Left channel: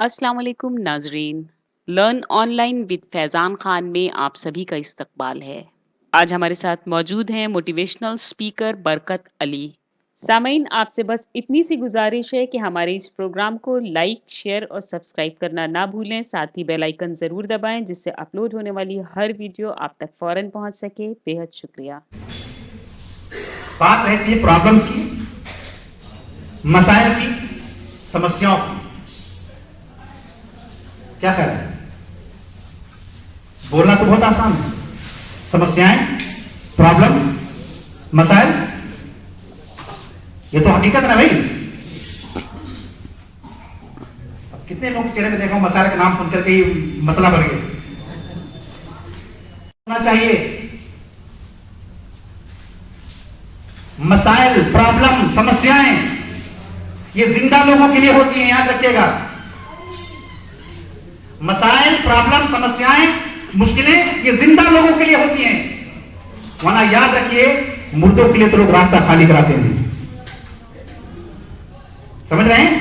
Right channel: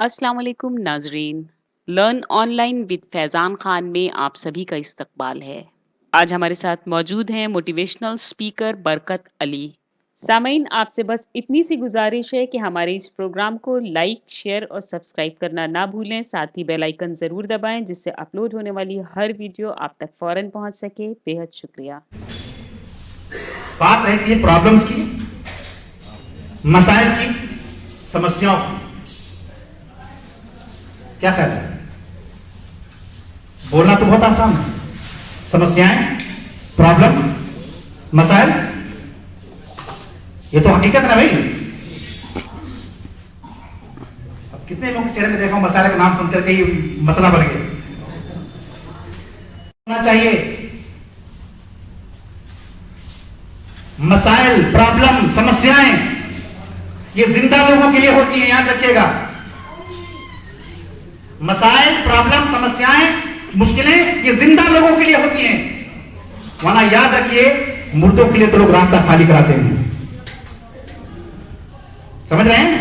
अस्सलाम वालेकुम नाजरीन। Learn online with Faizan Khan में आप सभी का इस्तकबाल है। आज हमारे साथ मौजूद हैं मोटिवेशनल स्पीकर बरकत अली। सामीन, आपसे बस इतनी सी गुजारिश है कि हमारे इस प्रोग्राम को लाइक, शेयर और सब्सक्राइब करना ना भूलें। साथ ही बेल आइकन ज़रूर दबाएं जिससे अपलोड होने वाली हर वीडियो आप तक फ़ौरन पहुंच सके। बेहद शुक्रिया। बात रहती है प्रॉब्लम्स की, मसाइल की, समस्याओं की। क्या ख्याल है? बोलना तो बहुत आसान है। समस्याएं, प्रॉब्लम, मसाइल, ये तो हकीकत है भाई। अब कितने लोगों के चेहरे में देखो मसाइल का नाम सुनकर के ही मसला बढ़ गया। होना चाहिए मसाइल, प्रॉब्लम, समस्याएं ये जिंदा लोगों के लिए होती हैं, याद रखिएगा। मसाइल, प्रॉब्लम, समस्याएं, मुश्किलें ये जिंदा लोगों के लिए होती हैं, वरना याद रखिए मुर्दों के लिए तो लोग रास्ता खाली कराते हैं। समझ रहे हैं?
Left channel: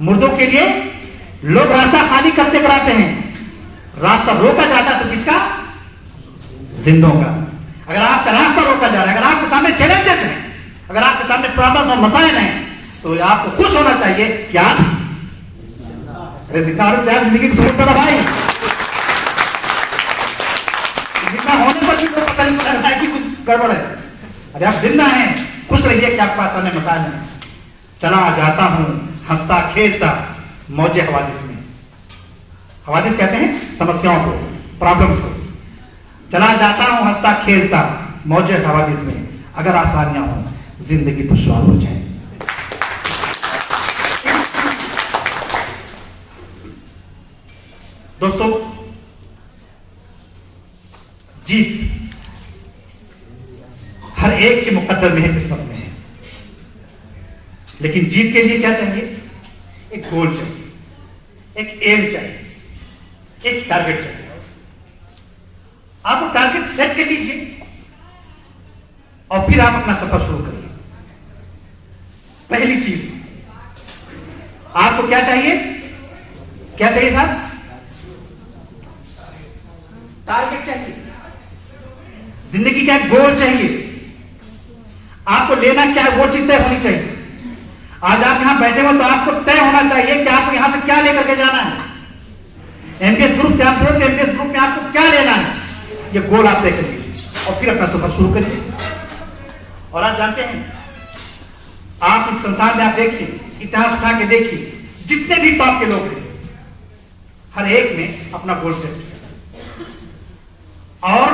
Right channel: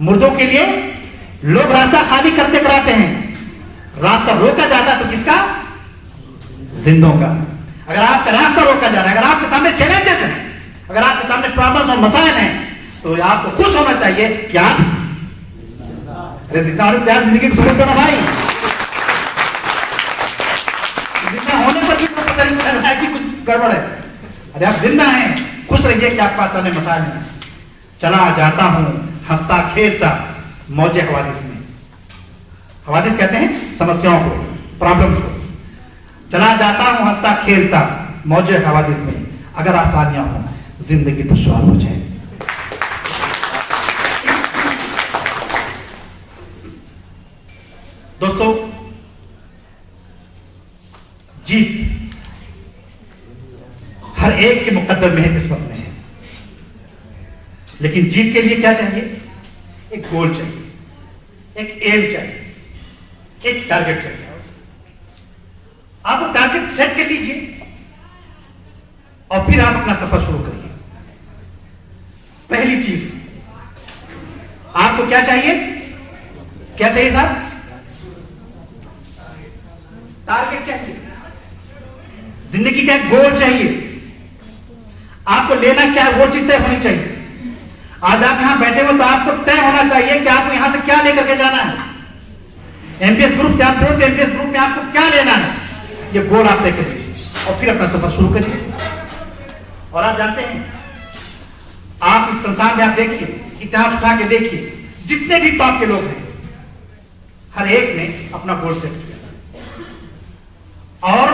मुर्दों के लिए लोग रास्ता खाली करते कराते हैं। रास्ता रोका जाता तो किसका? जिंदों का। अगर आपका रास्ता रोका जा रहा है, अगर आपके सामने चैलेंजेस हैं, अगर आपके सामने प्रॉब्लम्स और मसाइल हैं, तो आपको खुश होना चाहिए कि आप जितना जिंदगी की जरूरत है भाई। जितना होने पर भी कोई पता नहीं पड़ रहा है कि कुछ गड़बड़ है। अरे आप जिंदा हैं, खुश रहिए कि आपके पास सामने मसाइल नहीं। चला जाता हूं हंसता खेलता मौजे हवादिस में। हवादिस कहते हैं समस्याओं को, प्रॉब्लम्स को। चला जाता हूं हंसता खेलता मौजे हवादिस में, अगर आसानियां हो जिंदगी दुश्वार हो जाए। दोस्तों, जीत हर एक के मुकद्दर में है, किस्मत में है। लेकिन जीत के लिए क्या चाहिए? एक गोल चाहिए, एक एम चाहिए, एक टारगेट चाहिए। आप वो टारगेट सेट कर लीजिए और फिर आप अपना सफर शुरू करिए। पहली चीज आपको क्या चाहिए? क्या चाहिए साहब? टारगेट चाहिए। जिंदगी का गोल चाहिए। आपको लेना क्या है वो चीज तय होनी चाहिए। आज आप यहां बैठे हो तो आपको तय होना चाहिए कि आपको यहां से क्या लेकर के जाना है। एमपीएस ग्रुप से आप एमपीएस ग्रुप में आपको क्या लेना है, ये गोल आप तय करिए और फिर अपना सफर शुरू करिए। और आप जानते हैं, आप इस संसार में आप देखिए, इतिहास उठा के देखिए, जितने भी टॉप के लोग हैं, हर एक ने अपना गोल सेट किया। और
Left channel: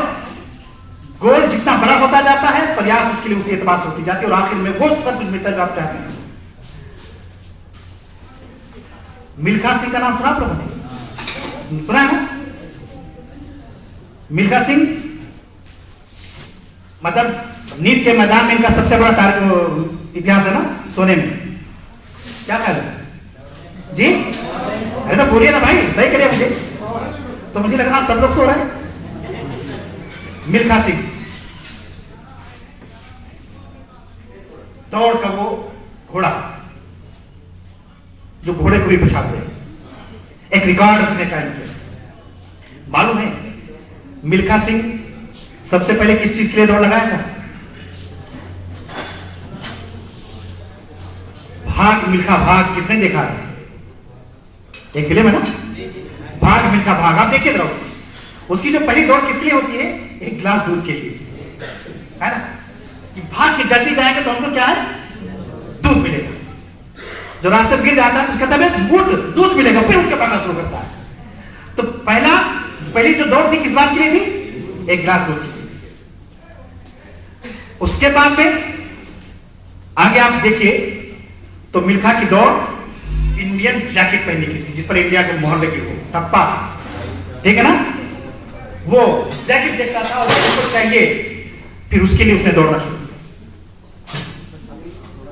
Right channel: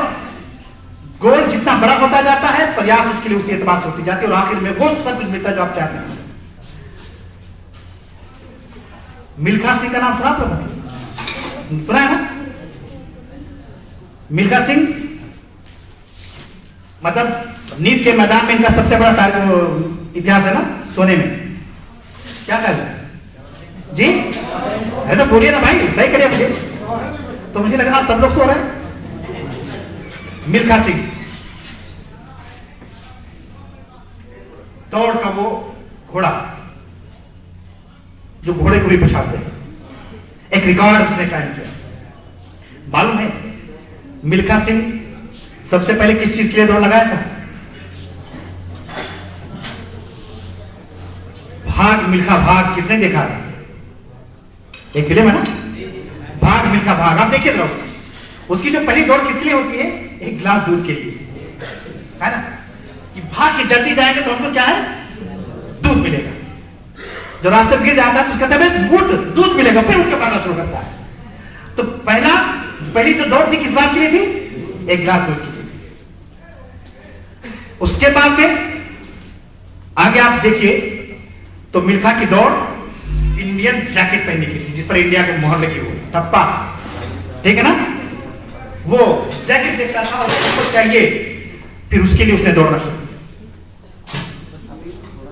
गोल जितना बड़ा होता जाता है, प्रयास उसके लिए उसी एतबार से होती जाती है और आखिर में वो सब कुछ मिलता जो आप चाहते हैं। मिल्खा सिंह का नाम सुना आपने? सुना है ना? मिल्खा सिंह मतलब नींद के मैदान में इनका सबसे बड़ा इतिहास है ना, सोने में। क्या कर रहे जी? अरे तो बोलिए ना भाई, सही करिए मुझे। तो मुझे लगा आप सब लोग सो रहे हैं। मिल्खा सिंह दौड़ का वो घोड़ा जो घोड़े को भी पछाड़ दे, एक रिकॉर्ड उसने कायम किया। मालूम है मिल्खा सिंह सबसे पहले किस चीज के लिए दौड़ लगाया था? भाग मिल्खा भाग। किसने देखा? एक फिल्म है ना, भाग मिल्खा भाग। आप देखिए जरा, उसकी जो पहली दौड़ किसके लिए होती है? एक गिलास दूध के लिए, है ना, कि भाग के जल्दी जाएंगे तो हमको क्या है? दूध मिलेगा। जो रास्ते में गिर जाता है तो उसका तबियत दूध मिलेगा, फिर उनके पढ़ना शुरू करता है। तो पहली जो दौड़ थी किस बात के लिए थी? एक गिलास दूध के लिए। उसके बाद में आगे आप देखिए तो मिल्खा की दौड़ इंडियन जैकेट पहनने की थी, जिस पर इंडिया की मोहर लगी हो, टप्पा, ठीक है ना, वो जैकेट देखता था और उसको चाहिए, फिर उसके लिए उसने दौड़ना शुरू किया।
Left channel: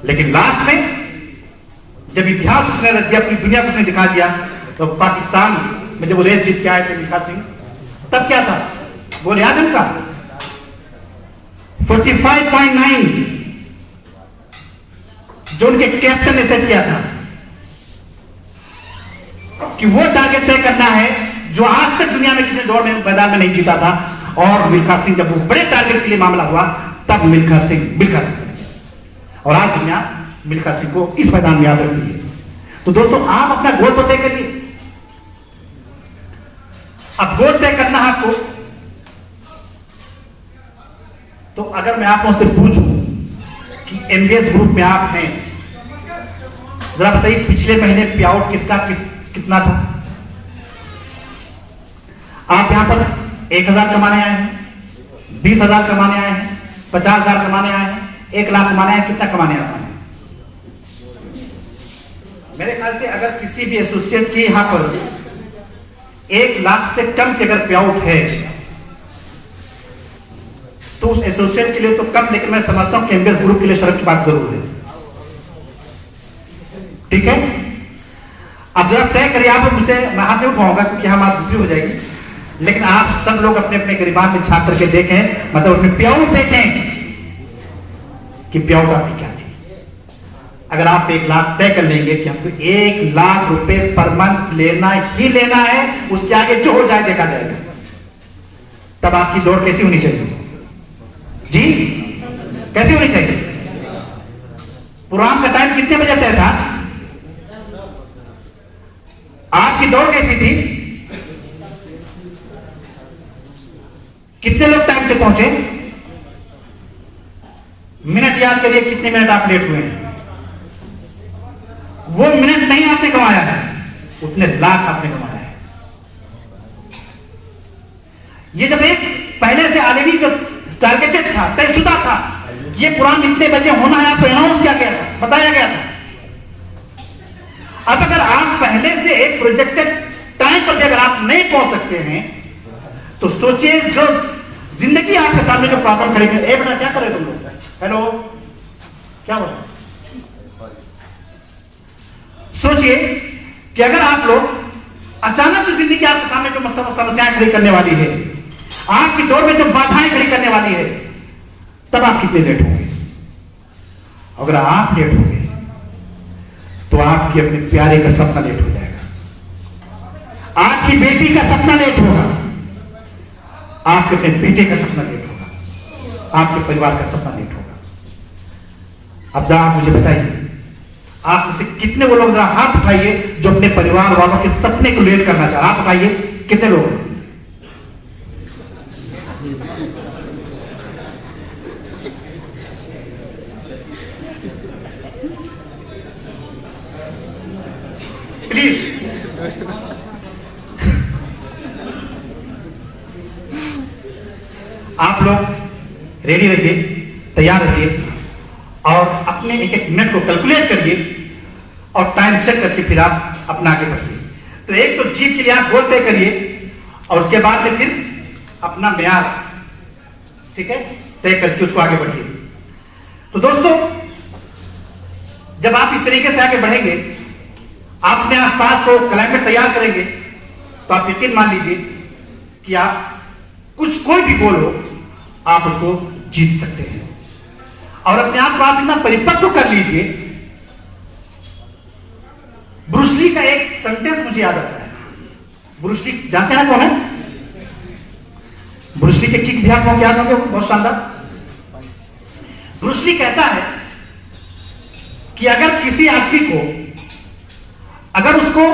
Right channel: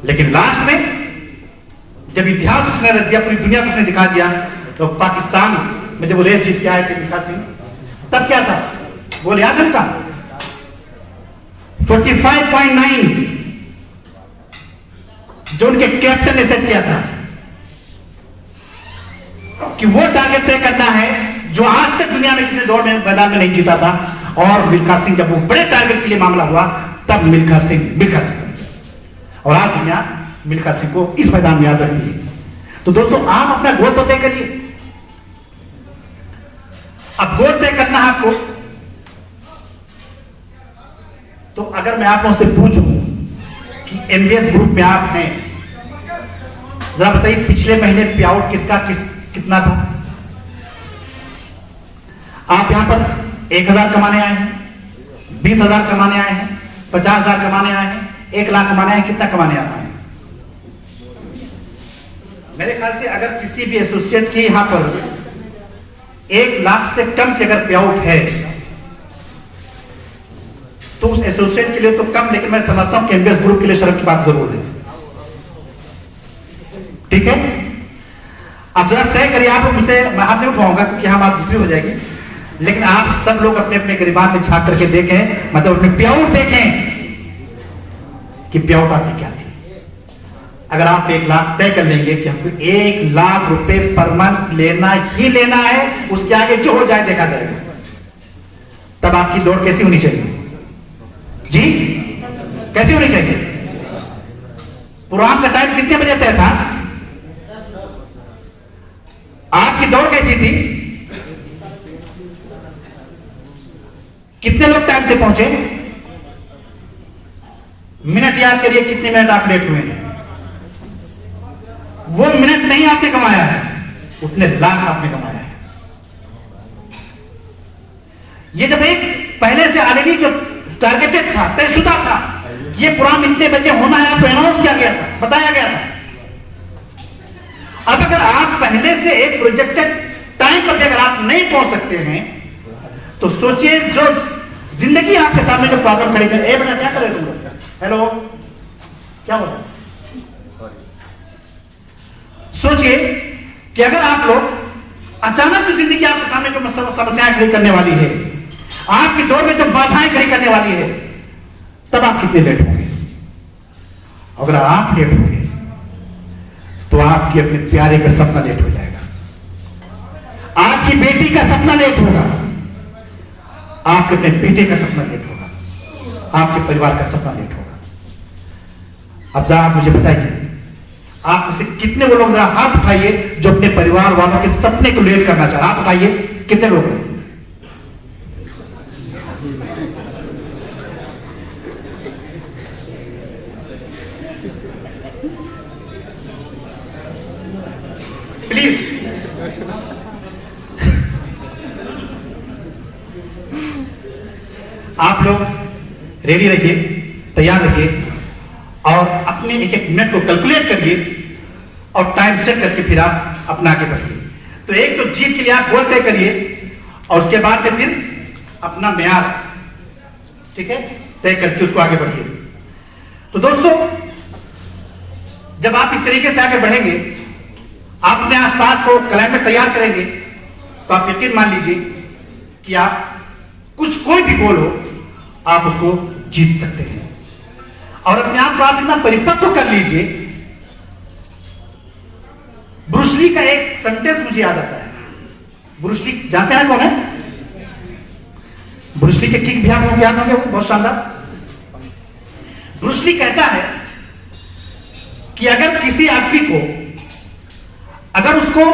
लेकिन लास्ट में जब इतिहास उसने रच दिया, अपनी दुनिया को उसने दिखा दिया, तो पाकिस्तान में जब वो रेस जीत के आए थे मिल्खा सिंह, तब क्या था? बोल याद है उनका 45.9 जो उनके कैप्टन ने सेट किया था। कि वो टारगेट तय करना है जो आज तक दुनिया में किसी दौड़ में मैदान में नहीं जीता था। और मिल्खा सिंह जब वो बड़े टारगेट के लिए मामला हुआ तब मिल्खा सिंह और आज दुनिया मिल्खा सिंह को इस मैदान में याद रखती है। तो दोस्तों आप अपना गोल तो तय करिए। अब गोल तय करना है आपको, तो अगर मैं आप लोगों से पूछूं कि एमबीएस ग्रुप में आप हैं, जरा बताइए पिछले महीने पे आउट कितना था? आप यहां पर 1,000 कमाने आए हैं, 20,000 कमाने आए हैं, 50,000 कमाने आए हैं, 1 लाख कमाने आए हैं, कितना कमाने आता है? मेरे ख्याल से अगर किसी भी एसोसिएट के यहां पर 1 लाख से कम की अगर पे आउट है तो उस एसोसिएट के लिए तो कम, लेकिन मैं समझता हूं कि एमबीएस ग्रुप के लिए शर्म की बात जरूर है। ठीक है, अब जरा तय करिए। आप मुझसे मैं हाथ नहीं उठाऊंगा क्योंकि हम आप दूसरी हो जाएगी, लेकिन आप सब लोग अपने अपने गिरबान में छाप करके देखें, मतलब अपने पे आउट देखें कि पे आउट आपकी क्या थी। अगर आप 1 लाख तय कर लेंगे कि हमको 1 लाख रुपए पर मंथ लेना ही लेना है, उसके आगे जो हो जाए देखा जाएगा, तब आपकी दौड़ कैसी होनी चाहिए जी? कैसी होनी चाहिए? प्रोग्राम का टाइम कितने बजे तय था? आपकी दौड़ कैसी थी? कितने लोग टाइम से पहुंचे? मिनट याद करिए, कितने मिनट आप लेट हुए हैं? वो मिनट नहीं आपने कमाया है, उतने लाख आपने कमाया है। ये जब एक पहले से ऑलरेडी जो टारगेटेड था, तयशुदा था, ये प्रोग्राम इतने बजे होना है, आपको अनाउंस किया गया था, बताया गया था। अब अगर आप पहले से एक प्रोजेक्टेड टाइम पर अगर आप नहीं पहुंच सकते हैं तो सोचिए जो जिंदगी आपके सामने जो प्रॉब्लम खड़ी है। बेटा क्या कर रहे तुम लोग? हेलो, क्या हो रहा है? सोचिए कि अगर आप लोग अचानक जो जिंदगी आपके सामने जो समस्याएं खड़ी करने वाली है, आपकी दौड़ में जो बाधाएं खड़ी करने वाली है, तब आप कितने लेट होंगे? अगर आप लेट होंगे तो आपकी अपने प्यारे का सपना लेट हो जाएगा, आपकी बेटी का सपना लेट होगा, आपके अपने बेटे का सपना लेट होगा, आपके परिवार का सपना लेट होगा। अब जरा आप मुझे बताइए, आप उसे कितने लोग, जरा हाथ उठाइए जो अपने परिवार वालों के सपने को लेट करना चाह रहे हैं। हाथ उठाइए, कितने लोग हैं? प्लीज आप लोग रेडी रहिए, तैयार रहिए और अपने एक एक मिनट को कैलकुलेट करिए और टाइम सेट करके फिर आप अपना आगे बढ़िए। तो एक तो जीत के लिए आप गोल तय करिए और उसके बाद में फिर अपना म्यार, ठीक है, तय करके उसको आगे बढ़िए। तो दोस्तों, जब आप इस तरीके से आगे बढ़ेंगे, आप अपने आसपास को क्लाइमेट तैयार करेंगे, तो आप यकीन मान लीजिए कि आप कोई भी गोल हो आप उसको जीत सकते हैं। और अपने आप को आप इतना परिपक्व कर लीजिए। ब्रूस ली का एक सेंटेंस मुझे याद आता है। ब्रूस ली जानते हैं कौन है? ब्रूस ली के किक भी आपको याद होंगे, बहुत शानदार। ब्रूस ली कहता है कि अगर किसी आदमी को, अगर उसको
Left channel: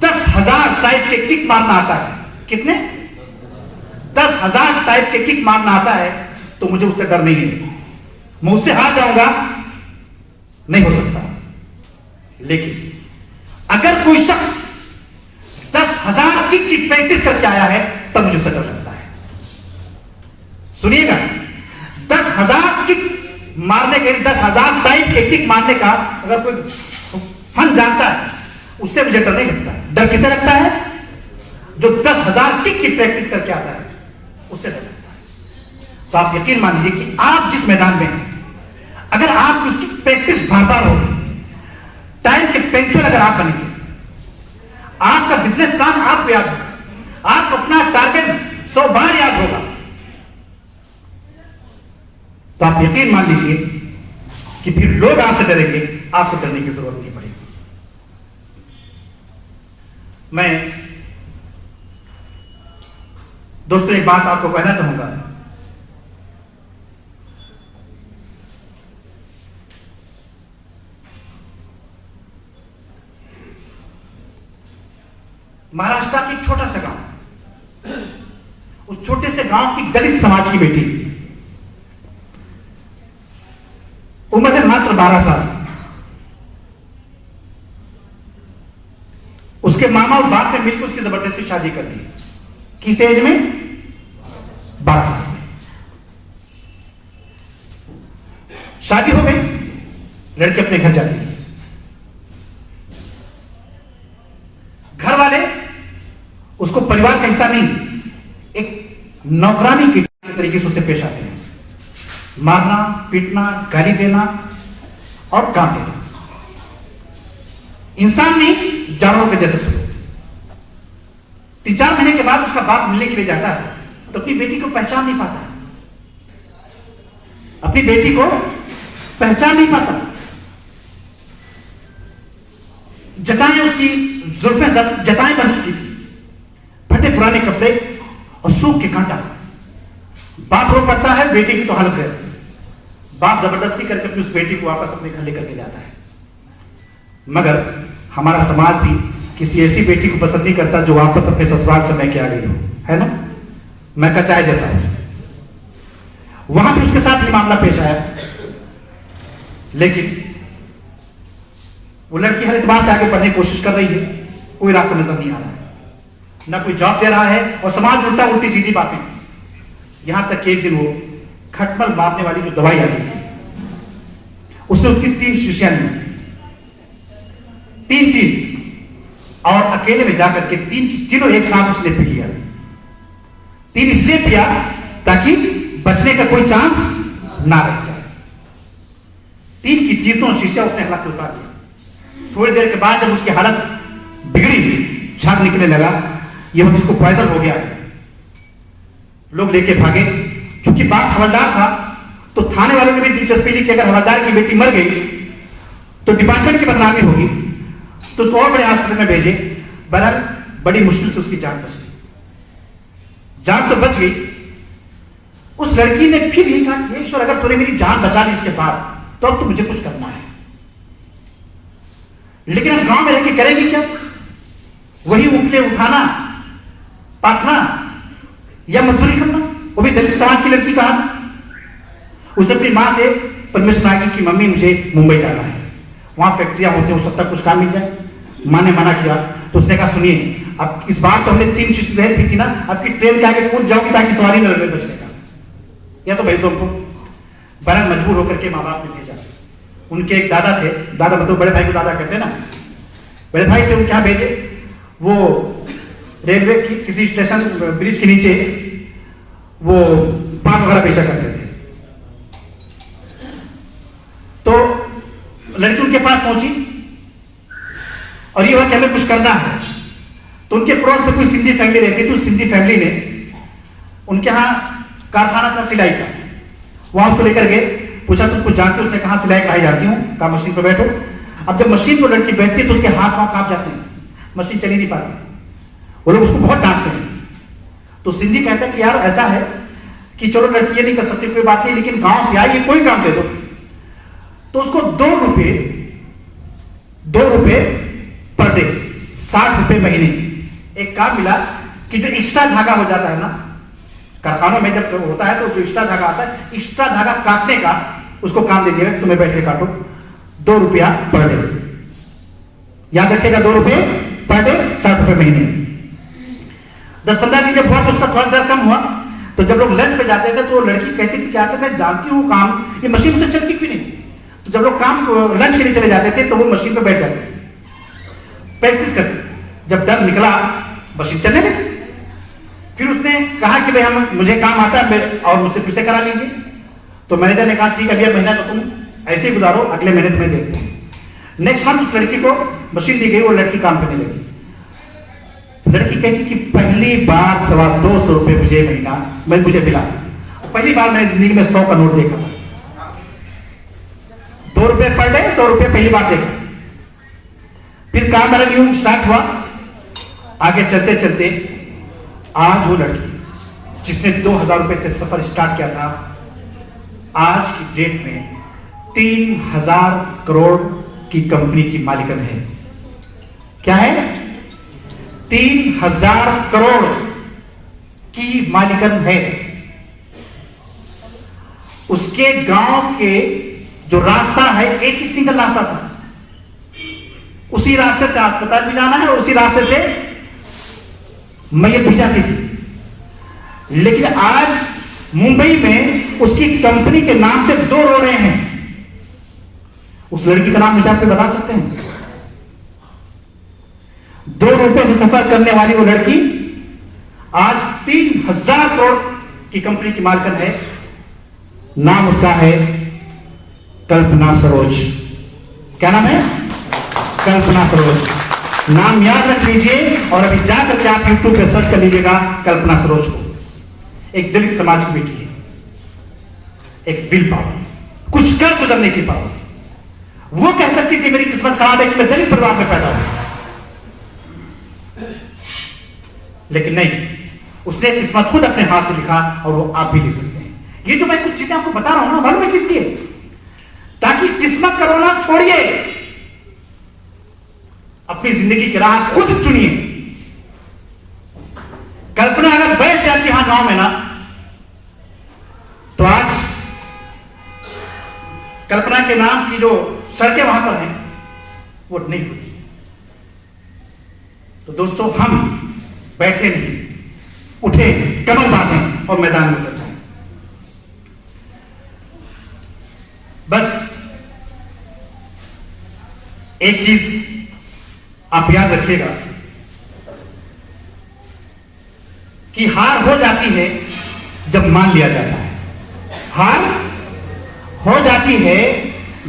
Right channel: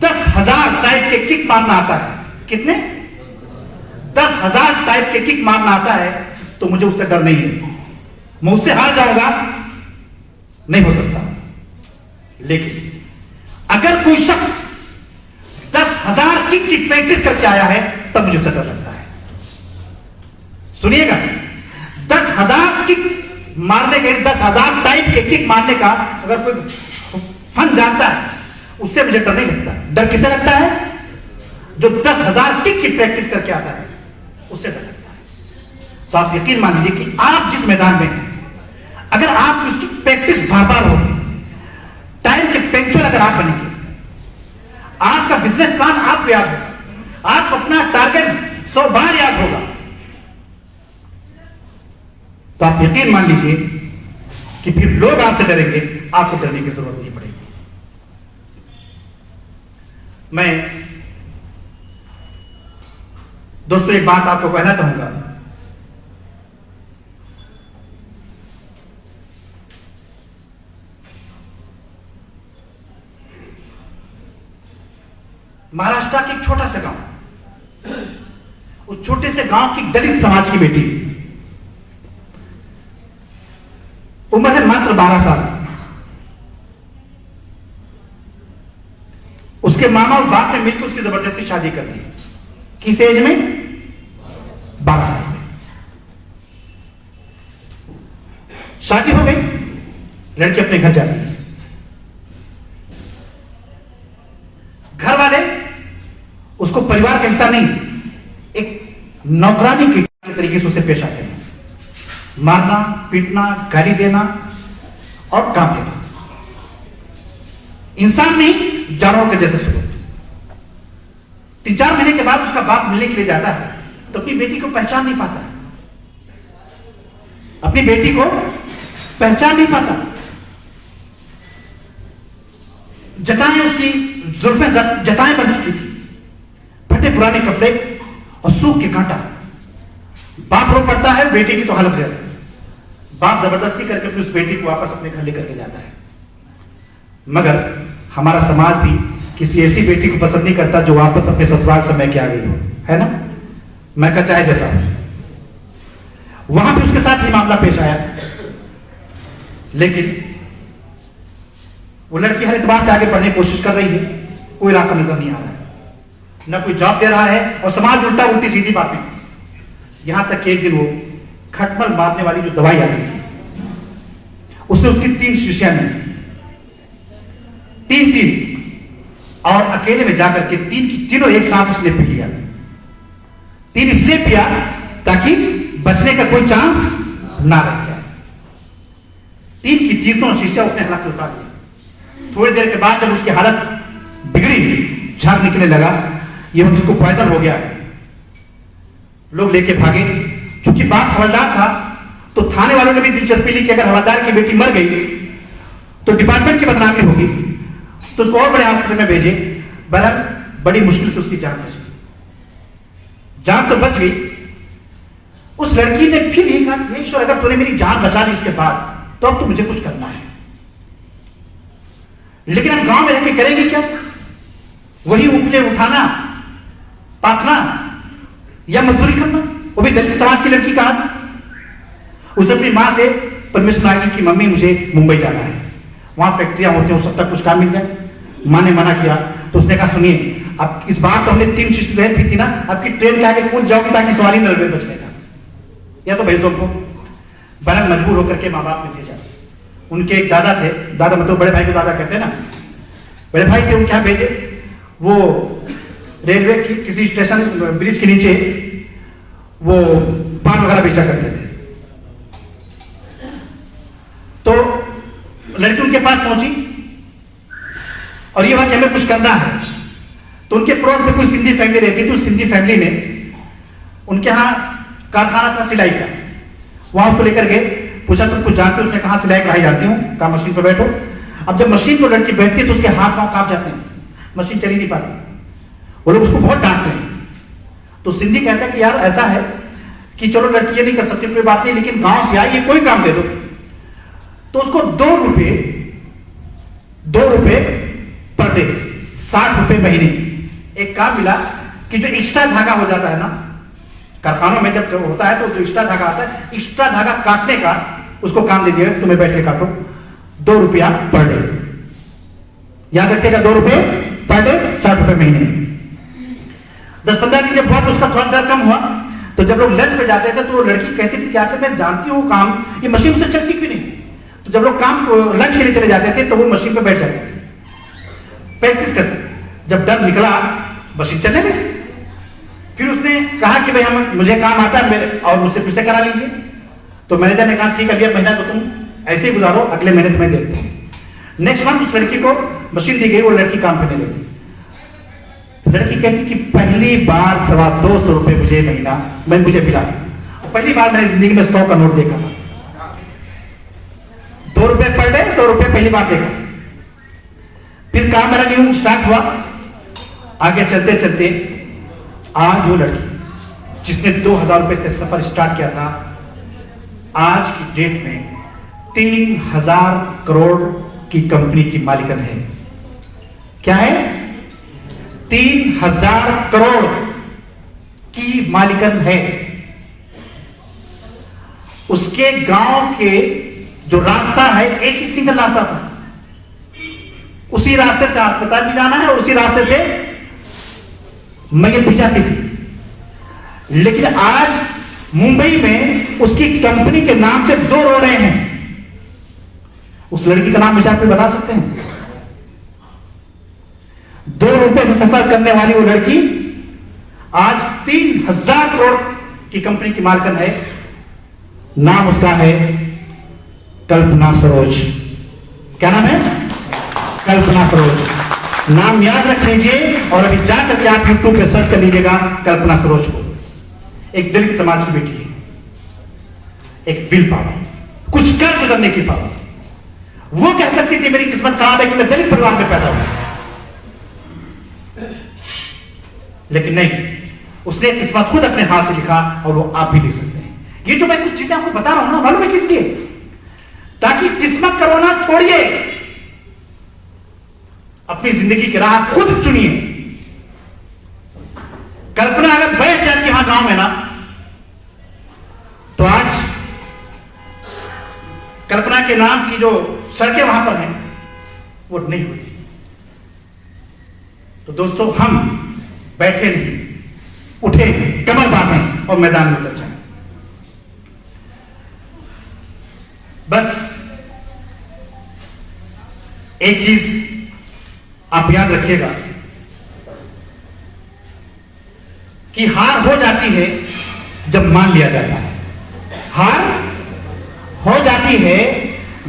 10,000 टाइप के किक मारना आता है, कितने? 10,000 टाइप के किक मारना आता है, तो मुझे उससे डर नहीं है, मैं उससे हार जाऊंगा नहीं हो सकता। लेकिन अगर कोई शख्स 10,000 किक की प्रैक्टिस करके आया है, तब मुझे उससे डर लगता है। सुनिएगा, 10,000 किक मारने के, 10,000 टाइप के किक मारने का अगर कोई फन जानता है, उससे मुझे डर नहीं लगता। डर किसे लगता है? जो 10,000 किक की प्रैक्टिस करके आता है, उससे डर लगता है। तो आप यकीन मान लीजिए कि आप जिस मैदान में हैं, अगर आप उसकी प्रैक्टिस बार-बार होगी, टाइम के पेंचर अगर आप बनेंगे, आपका बिजनेस प्लान आपको याद होगा, आप अपना टारगेट 100 बार याद होगा, तो आप यकीन मान लीजिए कि फिर लोग आपसे डरेंगे, आपको डरने की जरूरत नहीं पड़ेगी। मैं दोस्तों एक बात आपको कहना चाहूंगा। महाराष्ट्र का एक छोटा सा गांव, उस छोटे से गांव की दलित समाज की बेटी, उम्र है मात्र 12 साल। उसके मामा और बाप ने मिलकर उसकी जबरदस्ती शादी कर दी। किस एज में? 12 साल में शादी हो गई। लड़की अपने घर जाती है। घर वाले उसको परिवार का हिस्सा नहीं, एक नौकरानी की तरीके से उसे पेश आते हैं। मारना, पीटना, गाली देना और काम देना। इंसान नहीं, जानवर के जैसे सुनो। 3-4 महीने के बाद उसका बाप मिलने के लिए जाता है तो अपनी बेटी को पहचान नहीं पाता। अपनी बेटी को पहचान नहीं पाता। जटाएं उसकी जुल्फें जटाएं बन चुकी थी, फटे पुराने कपड़े और सूख के कांटा। बाप रो पड़ता है, बेटी की तो हालत है। बाप जबरदस्ती करके फिर उस बेटी को वापस अपने घर लेकर के जाता है। मगर हमारा समाज भी किसी ऐसी बेटी को पसंद नहीं करता जो वापस अपने ससुराल समय के आ गई हो, है ना? मैं का चाहे जैसा। वहां भी उसके साथ ही मामला पेश आया, लेकिन वो लड़की हर एतबार से आगे बढ़ने की कोशिश कर रही है। कोई रास्ता नजर नहीं आ रहा है, न कोई जॉब दे रहा है और समाज उल्टा उल्टी सीधी बातें। यहां तक कि एक दिन वो खटमल मारने वाली जो दवाई आती थी, उसने उसकी 3 शीशियां ली, 3 और अकेले में जाकर के 3 की तीनों एक साथ उसने पी लिया। 3 इसलिए पिया ताकि बचने का कोई चांस ना रह जाए। 3 की तीनों शीशियां उसने हाथ से उतार लिया। थोड़ी देर के बाद जब उसकी हालत बिगड़ी, झाग निकलने लगा, ये उसको पॉइजन हो गया। लोग लेके भागे। चूंकि बाप हवलदार था तो थाने वालों ने भी दिलचस्पी ली कि अगर हवलदार की बेटी मर गई तो डिपार्टमेंट की बदनामी होगी, तो उसको और बड़े हॉस्पिटल में भेजे। बहरहाल बड़ी मुश्किल से उसकी जान बच गई। जान तो बच गई। उस लड़की ने फिर यही कहा, हे ईश्वर, अगर तूने मेरी जान बचा ली इसके बाद, तो अब तो मुझे कुछ करना है। लेकिन अब गांव में रहकर करेगी क्या? वही उपले उठाना, पाथना या मजदूरी करना, वो भी दलित समाज की लड़की का। उसने अपनी मां से परमेश्वर मांगी कि मम्मी मुझे मुंबई जाना है, वहां फैक्ट्रियां होती हैं, हो सकता कुछ काम मिल जाए। मां ने मना किया तो उसने कहा, सुनिए, अब इस बार तो हमने 3 चीज दे दी थी ना, अब की ट्रेन के आगे कूद जाओगी ताकि सवारी न लगे बचने का, या तो भाई तुमको। बड़ा मजबूर होकर के माँ बाप ने भेजा। उनके एक दादा थे, दादा मतलब बड़े भाई को दादा कहते हैं ना, बड़े भाई थे। वो क्या भेजे, वो रेलवे की किसी स्टेशन ब्रिज के नीचे वो पान वगैरह बेचा करते थे। तो लड़की उनके पास पहुंची और ये हुआ कि हमें कुछ करना है। तो उनके पड़ोस में कोई सिंधी फैमिली रहती थी। उस सिंधी फैमिली ने, उनके यहाँ कारखाना था सिलाई का, वहां उसको लेकर गए। पूछा तुम कुछ जानते हो? उसने कहा सिलाई कढ़ाई जानती हूँ। कहा मशीन पर बैठो। अब जब मशीन पर लड़की बैठती तो उसके हाथ पांव कांप जाते हैं, मशीन चली नहीं पाती। वो लोग उसको बहुत डांटते हैं। तो सिंधी कहते हैं कि यार ऐसा है कि चलो लड़की ये नहीं कर सकती, कोई बात नहीं, लेकिन गांव से आई, ये कोई काम दे दो। तो उसको 2 रुपए पर डे, 60 रुपए महीने एक काम मिला कि जो एक्स्ट्रा धागा हो जाता है ना कारखानों में, जब होता है तो जो एक्स्ट्रा धागा आता है, एक्स्ट्रा धागा काटने का उसको काम दे दिया, तुम्हें बैठ के काटो, 2 रुपया पर डे। याद रखिएगा, 2 रुपए पर डे, 60 रुपए महीने। 10-15 दिन जब हुआ तो उसका थोड़ा डर कम हुआ। तो जब लोग लंच पे जाते थे तो लड़की कहती थी कि आखिर मैं जानती हूँ काम, ये मशीन से चलती क्यों नहीं? तो जब लोग काम लंच के लिए चले जाते थे तो वो मशीन पे बैठ जाते थे, प्रैक्टिस करते। जब डर निकला, मशीन चलने लगी। फिर उसने कहा कि भाई मुझे काम आता है और मुझसे फिर से करा लीजिए। तो मैनेजर ने कहा ठीक है, अभी महीना तो तुम ऐसे ही गुजारो, अगले महीने तुम्हें देखते हैं। नेक्स्ट मंथ उस लड़की को मशीन दी गई, वो लड़की काम करने लगी। लड़की कहती कि पहली बार 250 रुपए मुझे मिला। पहली बार मैंने जिंदगी में 100 का नोट देखा था। 2 रुपए पर डे, 100 रुपए पहली बार देखा। फिर काम मेरा न्यू स्टार्ट हुआ आगे चलते चलते आज वो लड़की जिसने 2,000 रुपए से सफर स्टार्ट किया था, आज की डेट में 3,000 करोड़ की कंपनी की मालिकन है। क्या है? 3,000 करोड़ की मालिकन है। उसके गांव के जो रास्ता है, एक ही सिंगल रास्ता था, उसी रास्ते से अस्पताल भी जाना है और उसी रास्ते से मैयत भी जाती थी। लेकिन आज मुंबई में उसकी कंपनी के नाम से 2 रोडें हैं। उस लड़की का नाम विचार पे बता सकते हैं? 2 रुपए से सफर करने वाली वो लड़की आज 3,000 करोड़ की कंपनी की मालिकन है। नाम उसका है कल्पना सरोज। क्या नाम है? कल्पना सरोज। नाम याद रख लीजिए और अभी जाकर के आप यूट्यूब पे सर्च कर लीजिएगा कल्पना सरोज को। एक दलित समाज की बेटी है, एक विल पावर, कुछ कर गुजरने की पावर। वो कह सकती थी मेरी किस्मत खराब है कि मैं दलित परिवार में पैदा हुआ, लेकिन नहीं, उसने किस्मत खुद अपने हाथ से लिखा और वो आप भी लिख सकते हैं। ये जो मैं कुछ चीजें आपको बता रहा हूं ना, मालूम है किस लिए? ताकि किस्मत का रोना छोड़िए, अपनी जिंदगी की राह खुद चुनिए। कल्पना अगर बैठ जाती यहां गांव में ना, तो आज कल्पना के नाम की जो सड़कें वहां पर हैं वो नहीं होती। तो दोस्तों, हम बैठे नहीं, उठे, कमर बांधें और मैदान में उतर जाएं। बस एक चीज आप याद रखिएगा कि हार हो जाती है जब मान लिया जाता है। हार हो जाती है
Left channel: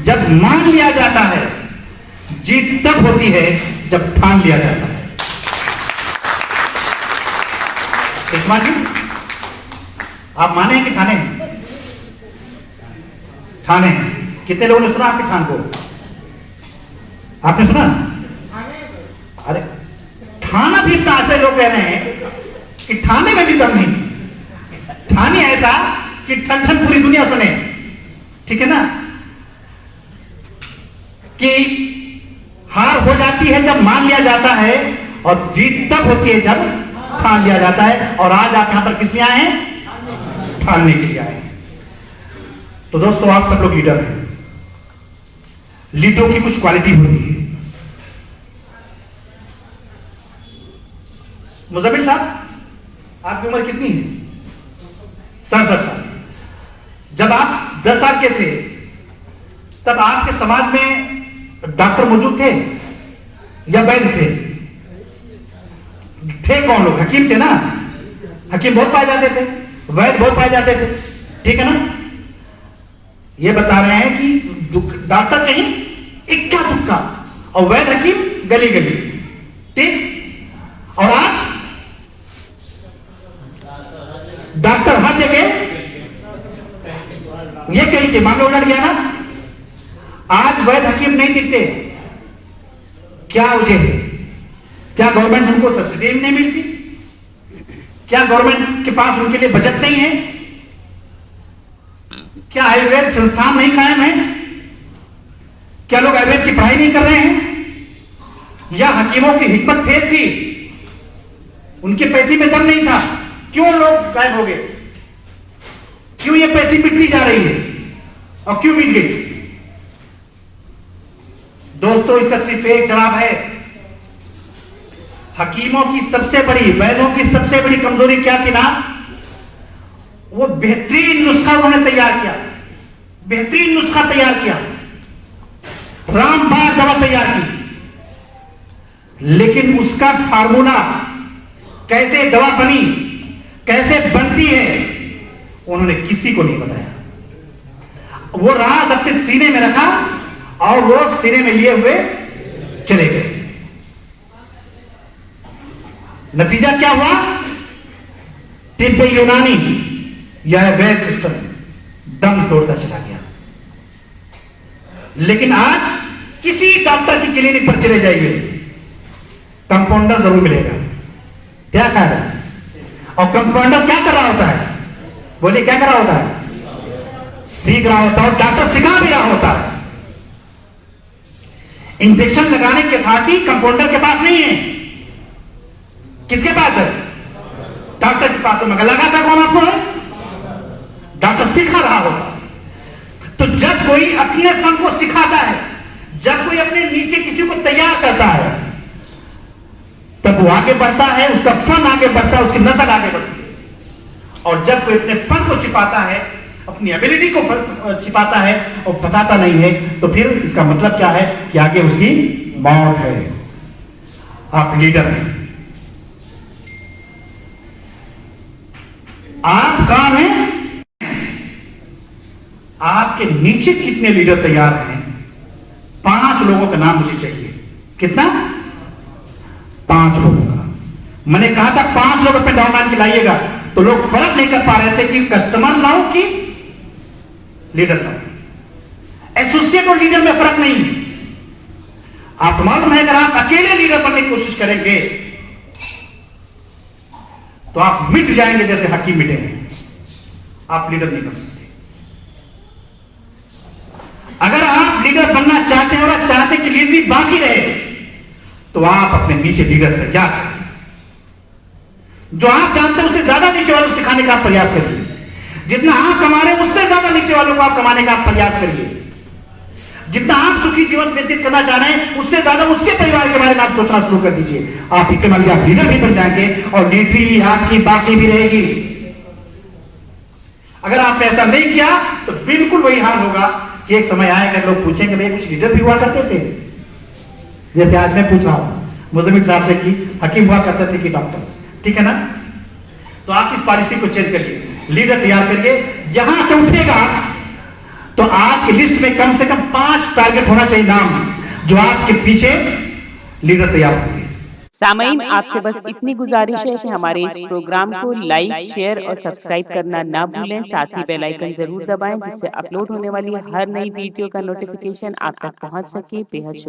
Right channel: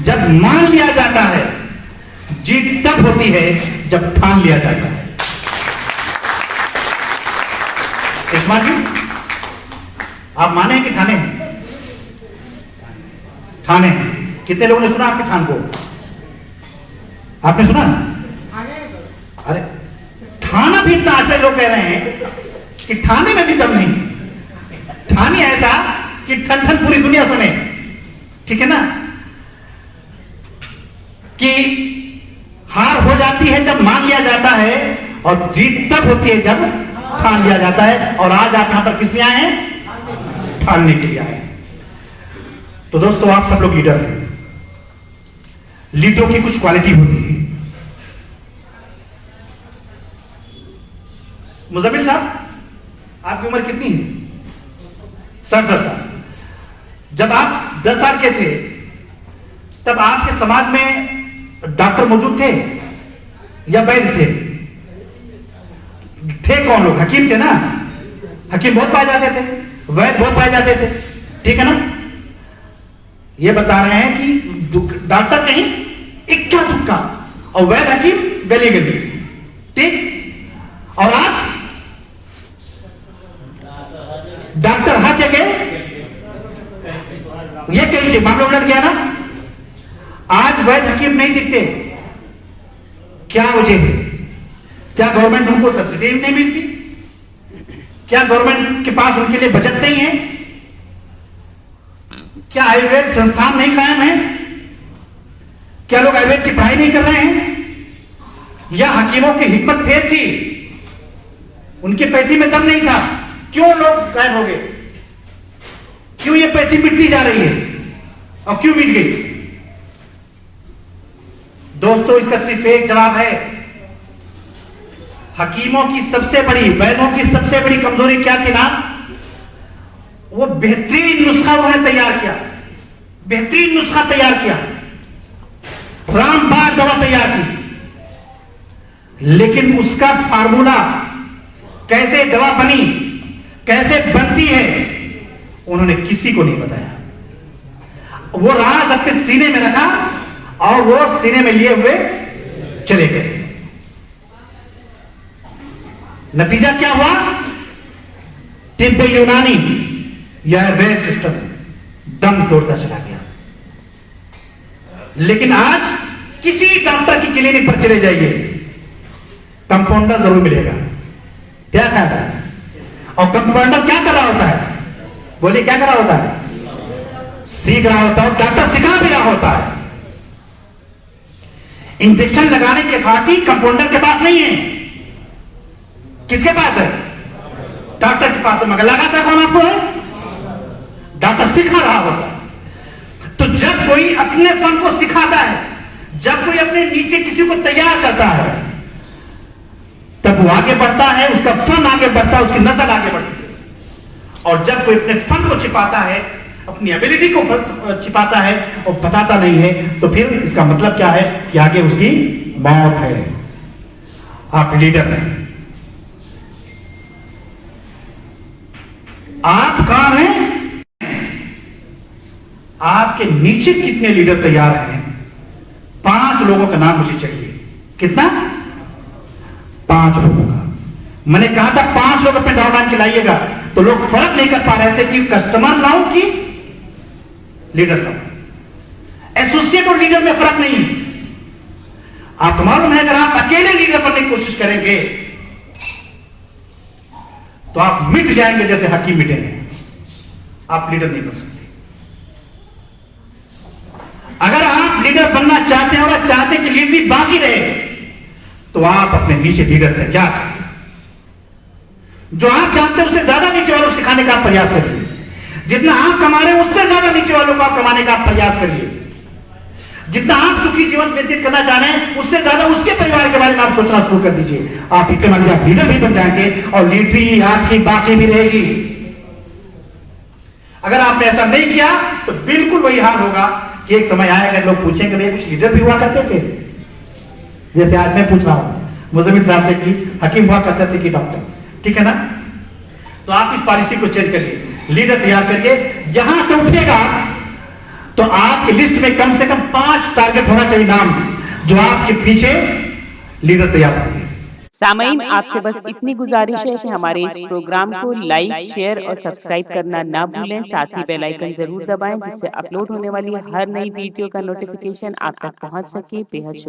जब मान लिया जाता है। जीत तब होती है जब ठान लिया जाता है। इस्मा जी, आप माने हैं कि ठाने हैं? ठाने हैं। कितने लोगों ने सुना आपके ठान को? आपने सुना? अरे ठाना भी इतना ऐसे लोग कह रहे हैं कि ठाने में भी दम नहीं। ठाने ऐसा कि ठन ठन पूरी दुनिया सुने। ठीक है ना? कि हार हो जाती है जब मान लिया जाता है और जीत तब होती है जब ठान लिया जाता है। और आज आप यहां पर किस लिए आए हैं? ठानने के लिए आए हैं। तो दोस्तों, आप सब लोग लीडर हैं। लीडरों की कुछ क्वालिटी होती है। मुजम्मिल साहब, आपकी उम्र कितनी है? 67 साल। जब आप 10 साल के थे तब आपके समाज में डॉक्टर मौजूद थे या वैद्य थे? थे कौन लोग? हकीम थे ना। हकीम बहुत पाए जाते थे, वैद्य बहुत पाए जाते थे। ठीक है ना? ये बता रहे हैं कि डॉक्टर कहीं इक्का दुक्का और वैद्य हकीम गली गली। ठीक? और आज डॉक्टर हर जगह। ये कहीं से मामला उलट गया ना। आज वैद्य हकीम नहीं दिखते। क्या वजह है? क्या गवर्नमेंट हमको सब्सिडी नहीं मिलती? क्या गवर्नमेंट के पास उनके लिए बजट नहीं है? क्या आयुर्वेद संस्थान नहीं कायम है? क्या लोग आयुर्वेद की पढ़ाई नहीं कर रहे हैं? या हकीमों की हिम्मत फेल थी, उनकी पैथी में दम नहीं था? क्यों लोग गायब हो गए? क्यों ये पैथी मिटती जा रही है और क्यों मिट गई? दोस्तों, इसका सिर्फ एक जवाब है। हकीमों की सबसे बड़ी, वैद्यों की सबसे बड़ी कमजोरी क्या थी ना? वो बेहतरीन नुस्खा उन्होंने तैयार किया, बेहतरीन नुस्खा तैयार किया, रामबाण दवा तैयार की, लेकिन उसका फार्मूला कैसे दवा बनी, कैसे बनती है, उन्होंने किसी को नहीं बताया। वो राज अपने सीने में रखा और वो सीने में लिए हुए चले गए। नतीजा क्या हुआ? तिब्बे यूनानी, यह वैद्य सिस्टम दम तोड़ता चला गया। लेकिन आज किसी डॉक्टर की क्लिनिक पर चले जाइए, कंपाउंडर जरूर मिलेगा, क्या ख्याल है? और कंपाउंडर क्या कर रहा होता है? बोलिए क्या कर रहा होता है? सीख रहा होता है, डॉक्टर सिखा भी रहा होता है। इंजेक्शन लगाने के खातिर कंपाउंडर के पास नहीं है, किसके पास है? डॉक्टर के पास है। मगर लगाता कौन आपको है? डॉक्टर सिखा रहा होता है। तो जब कोई अपने फन को सिखाता है, जब कोई अपने नीचे किसी को तैयार करता है, तब वो आगे बढ़ता है, उसका फन आगे बढ़ता है, उसकी नस्ल आगे बढ़ती है। और जब कोई अपने फन को छिपाता है, अपनी एबिलिटी को छिपाता है और बताता नहीं है, तो फिर इसका मतलब क्या है कि आगे उसकी मौत है। आप लीडर हैं, आप काम है। आपके नीचे कितने लीडर तैयार हैं? 5 लोगों का नाम मुझे चाहिए। कितना? 5 लोगों का। मैंने कहा था 5 लोग अपने डाउनलाइन खिलाइएगा, तो लोग फर्क नहीं कर पा रहे थे कि कस्टमर लाओ कि लीडर लाओ। एसोसिएट और लीडर में फर्क नहीं। आप मालूम है, अगर आप अकेले लीडर बनने की कोशिश करेंगे तो आप मिट जाएंगे, जैसे हकीम मिटे हैं। आप लीडर नहीं कर सकते। अगर आप लीडर बनना चाहते हैं और चाहते हैं कि लीडरी बाकी रहे, तो आप अपने नीचे लीडर तैयार करें। जो आप जानते हैं उससे ज्यादा नीचे वालों को सिखाने का प्रयास करिए। जितना आप कमा रहे हैं उससे ज्यादा नीचे वालों को आप कमाने का प्रयास करिए। जितना आप सुखी जीवन व्यतीत करना चाह रहे हैं उससे ज्यादा उसके परिवार के बारे में आप सोचना शुरू कर दीजिए। आप इकोनॉमिक आप लीडर भी बन जाएंगे और लीडरी आपकी बाकी भी रहेगी। अगर आपने ऐसा नहीं किया तो बिल्कुल वही हाल होगा कि एक समय आएगा लोग पूछेंगे भाई कुछ लीडर भी हुआ करते थे, जैसे आज मैं पूछ रहा हूं मुजम्मिल साहब से कि हकीम हुआ करते थे कि डॉक्टर, ठीक है ना? तो आप इस पॉलिसी को चेंज करिए, लीडर तैयार करिए। यहां से उठेगा तो आपकी लिस्ट में कम से कम 5 टारगेट होना चाहिए नाम, जो आपके पीछे लीडर तैयार होंगे। सामईन, आपसे बस इतनी गुजारिश है कि हमारे इस प्रोग्राम को लाइक, शेयर और सब्सक्राइब करना ना भूलें। साथ ही बेल आइकन जरूर दबाएं, जिससे अपलोड होने वाली हर नई वीडियो का नोटिफिकेशन आप तक पहुंच सके। बेहद शुक्रिया।